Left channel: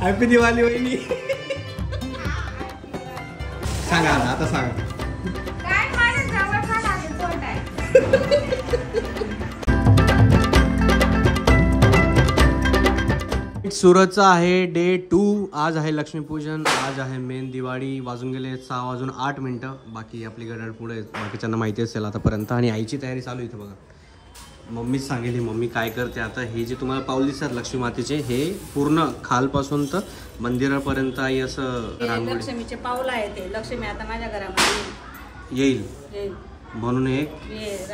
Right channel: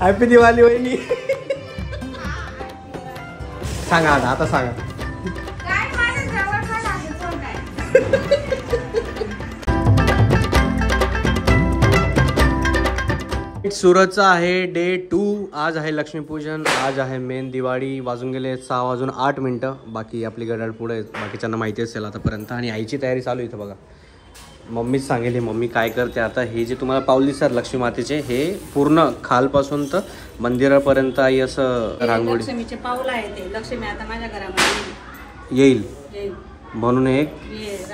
Happy Diwali वहिनी. सांगा आता सांगा. सुरतचा आहे डे 2. आज आहे लक्ष्मीपूजन, आज आहे मेन दिवाळी. वाजून गेले 6:08. बाकी आपली घड्याळ पुढे, बाकीच्यांना माहिती असेल आतापर्यंत. आणि आईची तयारी चालू इथं बघा. मम्मीच सांगेल मम्मी काय करते आता. हे जे तुम्हाला पाऊल दिसतात लक्ष्मी मातेचे, हे पूर्ण खालपासून तर मंदिरापर्यंत आई असं रांगोळी. लक्ष्मीचे पाऊल आहे ते. लक्ष्मी आता माझ्या घरामध्ये येईल म्हणून एक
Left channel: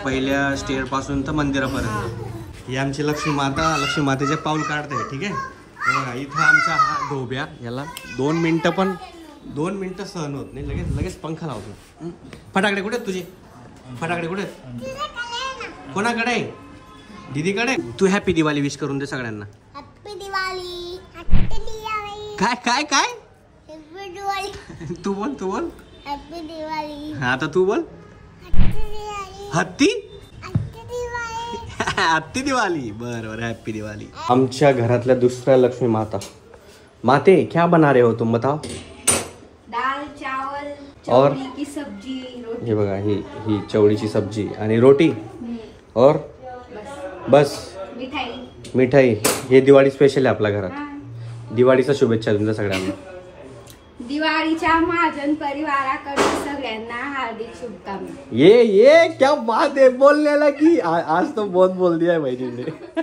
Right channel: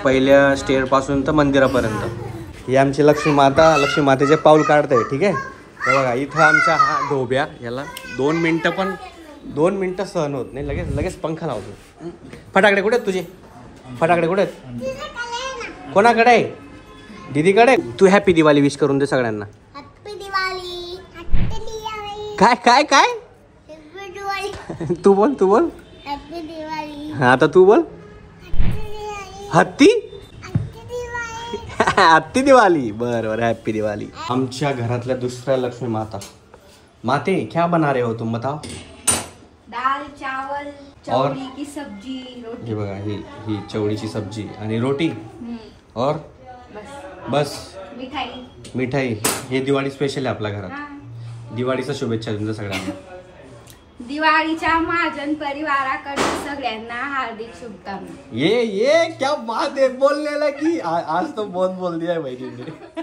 पहिल्या स्टेअर पासून तर मंदिरापर्यंत ही आमची लक्ष्मी मातेचे पाऊल काढते. ठीक आहे. हे बघा इथं आमच्या हा ढोब्या, याला 2 मिनिटं सहन होत नाही, लगेच पंखा लावतो. फटाकडे कुठे आहेत तुझे? फटाकडे कुठे आहेत? कोणाकडे आहे? दीदीकडे. तू हॅपी दिवाळी विश करून दे सगळ्यांना. हॅपी दिवाळी. काय काय काय? हॅपी दिवाळी. तू बोल हॅपी दिवाळी. हा आता तू बोल. हत्ती हत्ती दिवाळी. बरं हॅपी दिवाळी. आमच्या घरातल्या दुसऱ्या लक्ष्मी माते क्या बना रहे हो तुम बताओ? दाल चावल चवड़ी की सब्जी रोटी. हे बघा ही चवळीची सब्जी आणि रोटी और बस मिठाई. हे दिवाळी स्पेशल आहे आपल्या घरात. दिवाळीच्या शुभेच्छा तुमच्या सगळ्यांना. दिवाळीच्या महाजन परिवाराकडून सगळ्यांना हार्दिक शुभकामना. ये क्या बात आहे बोललेला की आज तो बहुत बोल दिया बहिणीने.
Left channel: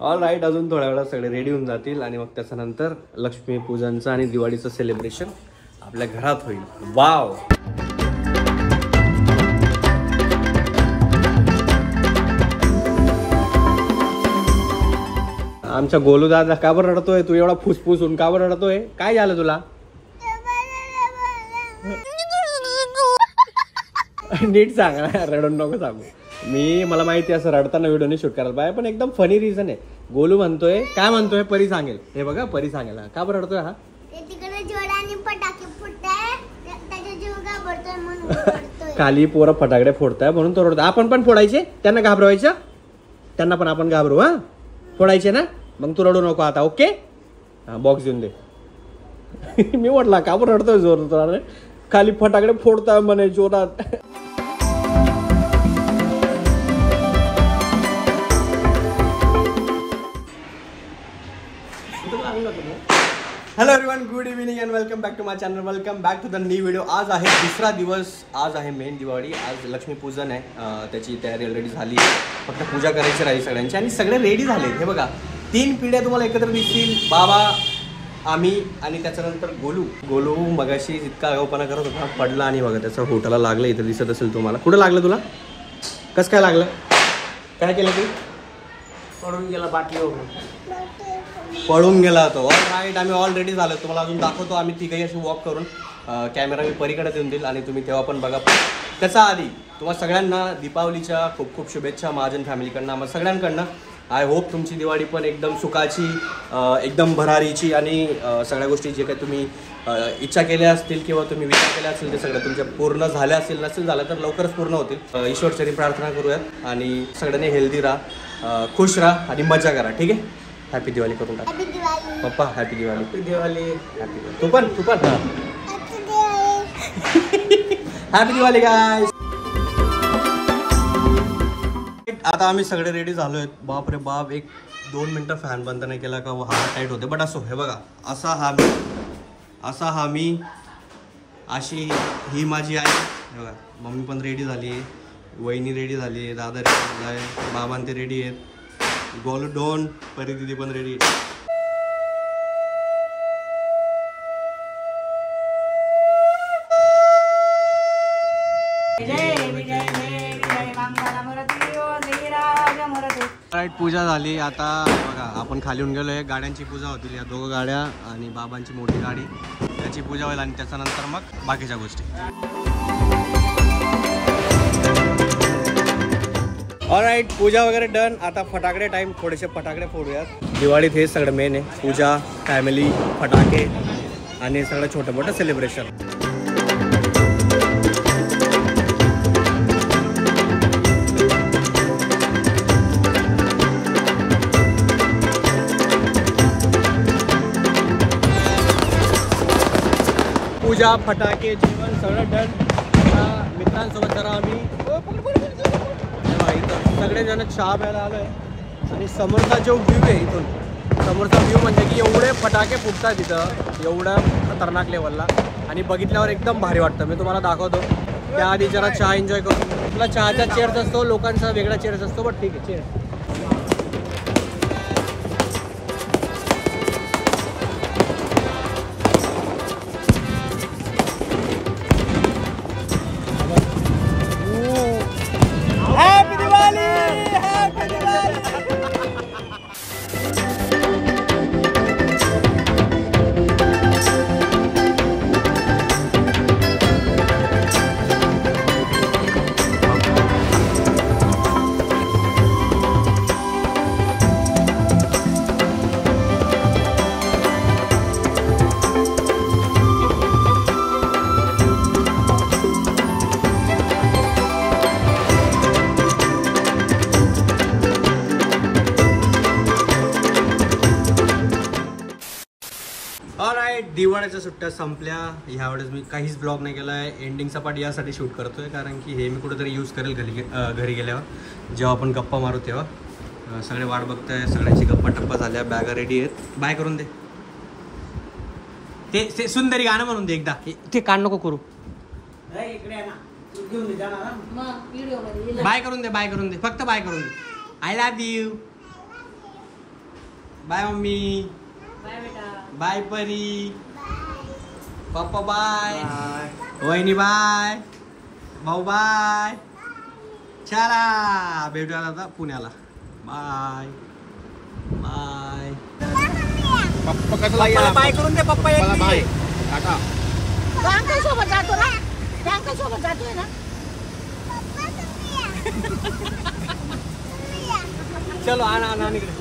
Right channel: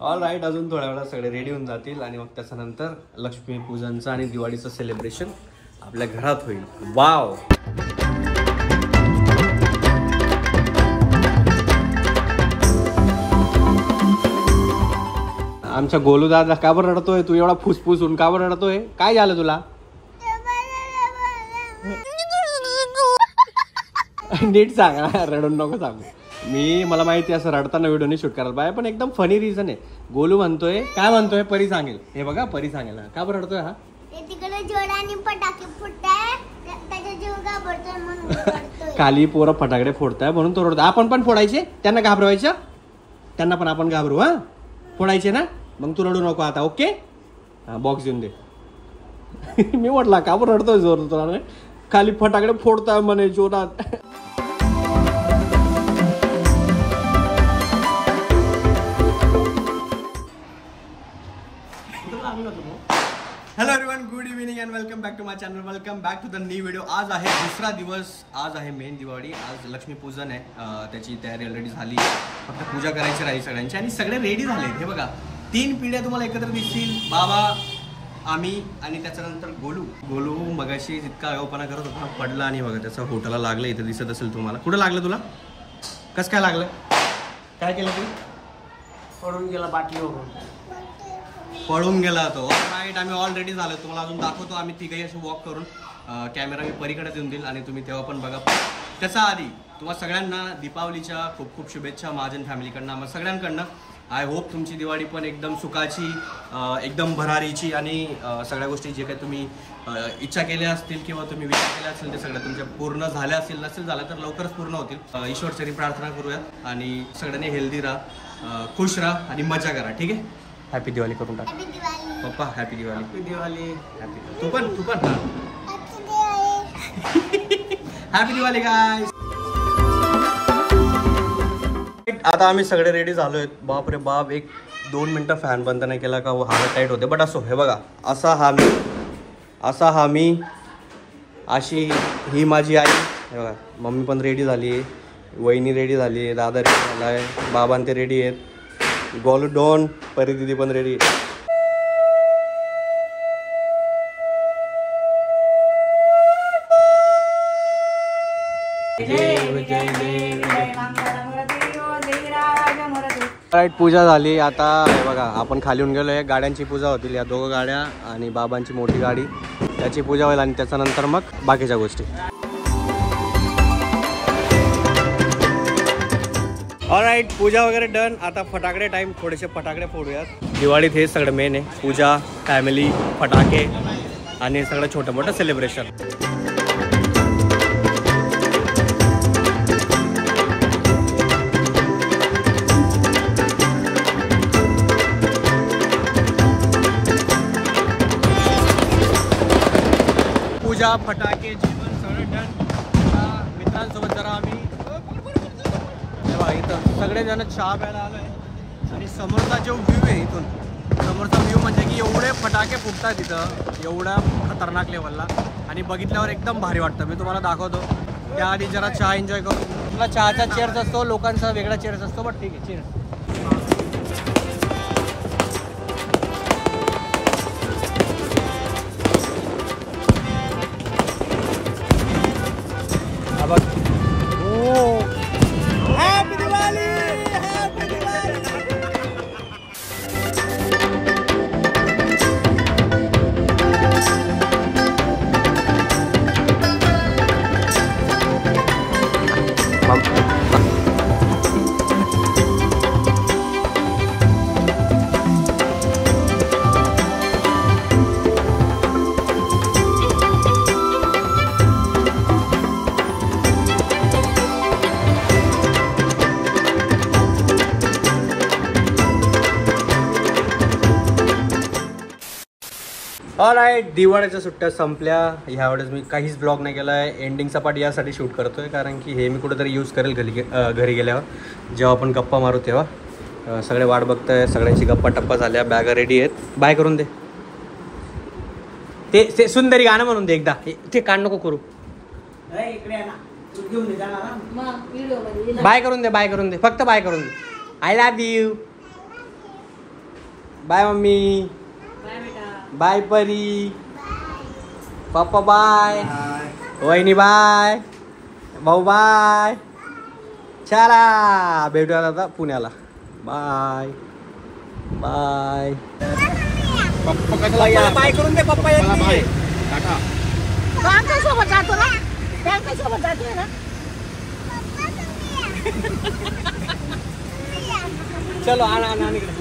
All right. अजून थोड्या वेळात सगळे रेडी होऊन जातील आणि मग त्याच्यानंतर लक्ष्मी पूजनचं आणि दिवाळीचं सेलिब्रेशन आपल्या घरात होईल. वाव. आमच्या गोलू दादा का बरं रडतोय? तू एवढा फुसफुसून का बरं रडतोय? काय झालं तुला? नीट सांगा, रडून नको सांगू. मला माहिती असं रडताना व्हिडिओ नाही शूट करायला पाहिजे, पण एकदम फनी रिझन आहे. गोलू म्हणतोय, काय म्हणतोय? परी सांगेल. हे बघा परी सांगेल. का बरं रडतोय हा? तिकडे जोराने फटाके फुटताय, त्याचा जीव घाबरतोय म्हणून रडतोय. खाली पोरं फटाकडे फोडताय म्हणून तो रडतो. आपण पण फोडायचे, त्यांना घाबरवायचं, त्यांना पण आपण घाबरू. हा फोडायचे ना, मग तू रडू नको आता. ओके. हा बॉक्स देऊन दे. मी म्हटला का बरं रडतोय जोर? खाली फटाकडे फोडताय म्हणे जोरात. Hello everyone, good evening and welcome back to my channel. Welcome back to the new video. आज आहे दुसरा दिवस. आज आहे मेन दिवाळी. आज लक्ष्मीपूजन आहे. त्याची तयारी ऑलरेडी झाली आहे. फक्त पूजा करायची राहील सगळ्यांची आणि सगळे रेडी झालेत. हे बघा 3 पिढ्या तुम्हाला एकत्र दिसतील. बाबा, आम्ही आणि त्याच्यानंतर गोलू मगाशी इतका आगाऊपणा करत होता, पडला आणि बघा त्याचं होटाला लागलं. इथं दिसत असेल तुम्हाला. कुठं लागलं तुला? कसं काय लागलं? काय केलं तू? पडून गेला बाटलीवरून. पळून गेला तो. All right. आम्ही ऑलरेडी झालो. तुम्हाला अजून दाखवतो. आम्ही तिघही अशी वॉक करून कॅमेरा मी परीकडे देऊन देईल आणि तुम्ही तेव्हा पण बघा. त्याचा आधी तुम्हाला सगळ्यांना दीपावलीच्या खूप खूप शुभेच्छा महाजन फॅमिलीकडनं, आम्हाला सगळ्यांकडनं. आय होप तुमची दिवाळी पण एकदम सुखाची, एकदम भरारीची आणि सगळ्या गोष्टी जे काही तुम्ही इच्छा केल्या असतील किंवा तुम्ही विचार केला असेल ते सगळं तुमच्या पूर्ण झाल्या असतील. नसेल झालं तर लवकरच पूर्ण होतील. ईश्वरचरी प्रार्थना करूयात आणि सगळ्यांनी हेल्दी राहा, खुश राहा आणि मजा करा. ठीक आहे. हॅपी दिवाळी करून टाक पप्पा. हॅपी दिवाळी. हॅपी दिवाळी. तू पण हॅपी दिवाळी गाईस. आता आम्ही सगळे रेडी झालोय. बाप रे बाप, 1-2 मिनिटं फॅन बंद नाही केला का हात टाईट होते. बट असो. हे बघा असा हा मी अशी ही माझी आई. हे बघा मम्मी पण रेडी झाली आहे, वहिनी रेडी झाली आहे, दादा रेडी झाला आहे, बाबां ते रेडी आहेत, गोलू डॉन, परी दिदी पण रेडी आहे. राईट. पूजा झाली. आता बघा आपण खाली येऊन गेलोय. गाड्यांची पूजा होतील. या 2 गाड्या आणि बाबांची मोठी गाडी, त्याची पूजा होईल आणि त्याच्यानंतर मग बाकीच्या गोष्टी. ऑलराईट. पूजा वगैरे डन. आता फटाकडे टाइम. थोडेसे फटाकडे फोडूयात. दिवाळीत हे सगळं मेन आहे. पूजा, फॅमिली, फटाके आणि सगळं छोटं मोठं सेलिब्रेशन. पूजा फटाके जेवण सगळं डन. आता मित्रांसोबत जरा आम्ही इथं सगळेजण चहा प्यायला आलोय. आणि समोरचा जो व्ह्यू आहे इथून, समोरचा व्ह्यू म्हणजे की एवढे फटाके फुटतात तिथं एवढ्या खतरनाक लेवलला. आणि बघितल्यावर एकदम भारी वाटतं. मी तुम्हाला दाखवतो. त्याआधी जरा चहा एन्जॉय करू. आपला चहाचा चेअर्स असतो, लोकांचा वेगळा चेअर्स असतो. बट ठीक आहे cheers. Happy Diwali, happy Diwali. Alright, दिवाळीच्या सुट्ट्या संपल्या. ह्यावेळेस मी काहीच ब्लॉग नाही केला आहे. एंडिंगचा पार्ट यासाठी शूट करतोय कारण की हे मी कुठेतरी यूज करेल घरी गेल्यावर, जेव्हा आपण गप्पा मारू तेव्हा. सगळे वाट बघताय, सगळ्यांची गप्पा टप्पा झाल्या, बॅगा रेडी आहेत. बाय करून दे. ते सुंदरी गाणं म्हणून दे एकदा. ते कान नको करू. बाय करून दे, बाय करून दे, फक्त बाय करून दे. I love you. Bye mummy. Bye Pari. Papa bye. वहिनी बाय. भाऊ बाय. चला भेटूया आता पुण्याला. Bye bye. पप्पाला बाय करून दे. पप्पा बाय. टाटा. चलो आण इकडे.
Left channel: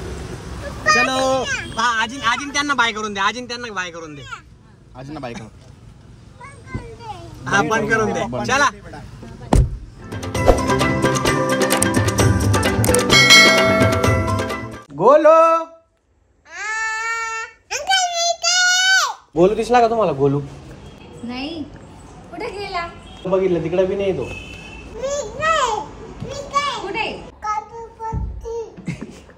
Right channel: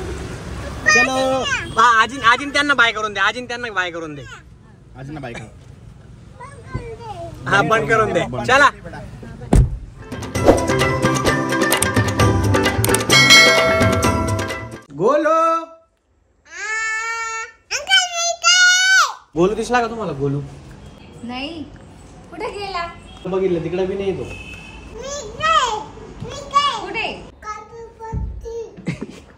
चलो. आजीन त्यांना बाय करून दे. आजीन त्यांना बाय करून दे. आजींना बाय कर. हा बंद करून दे. चला. गोलू. गोलू दिसला का तुम्हाला? गोलू नाही, कुठे गेला? बघितलं तिकडे बी नाही तो. कुठे?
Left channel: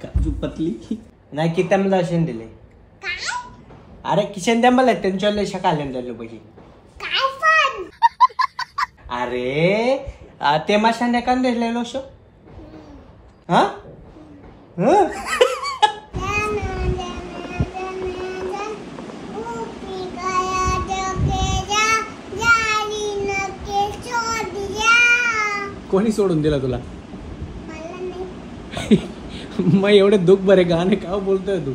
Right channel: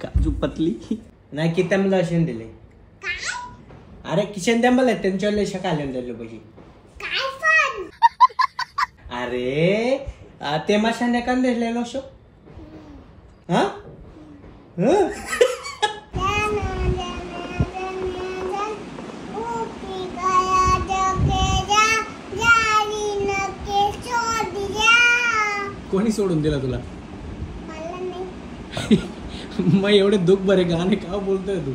काजू पतली नाही की त्यांना दर्शन दिले. अरे किशन द्या मला त्यांच्या लय कॅलेंडरला पैसे. अरे ते माशाने कान दिलेलो शो. हा कोणी सोडून दिला तुला? मग एवढे दुःख बरे गाणे का बोलतोय तू?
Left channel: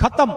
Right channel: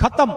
खत्म.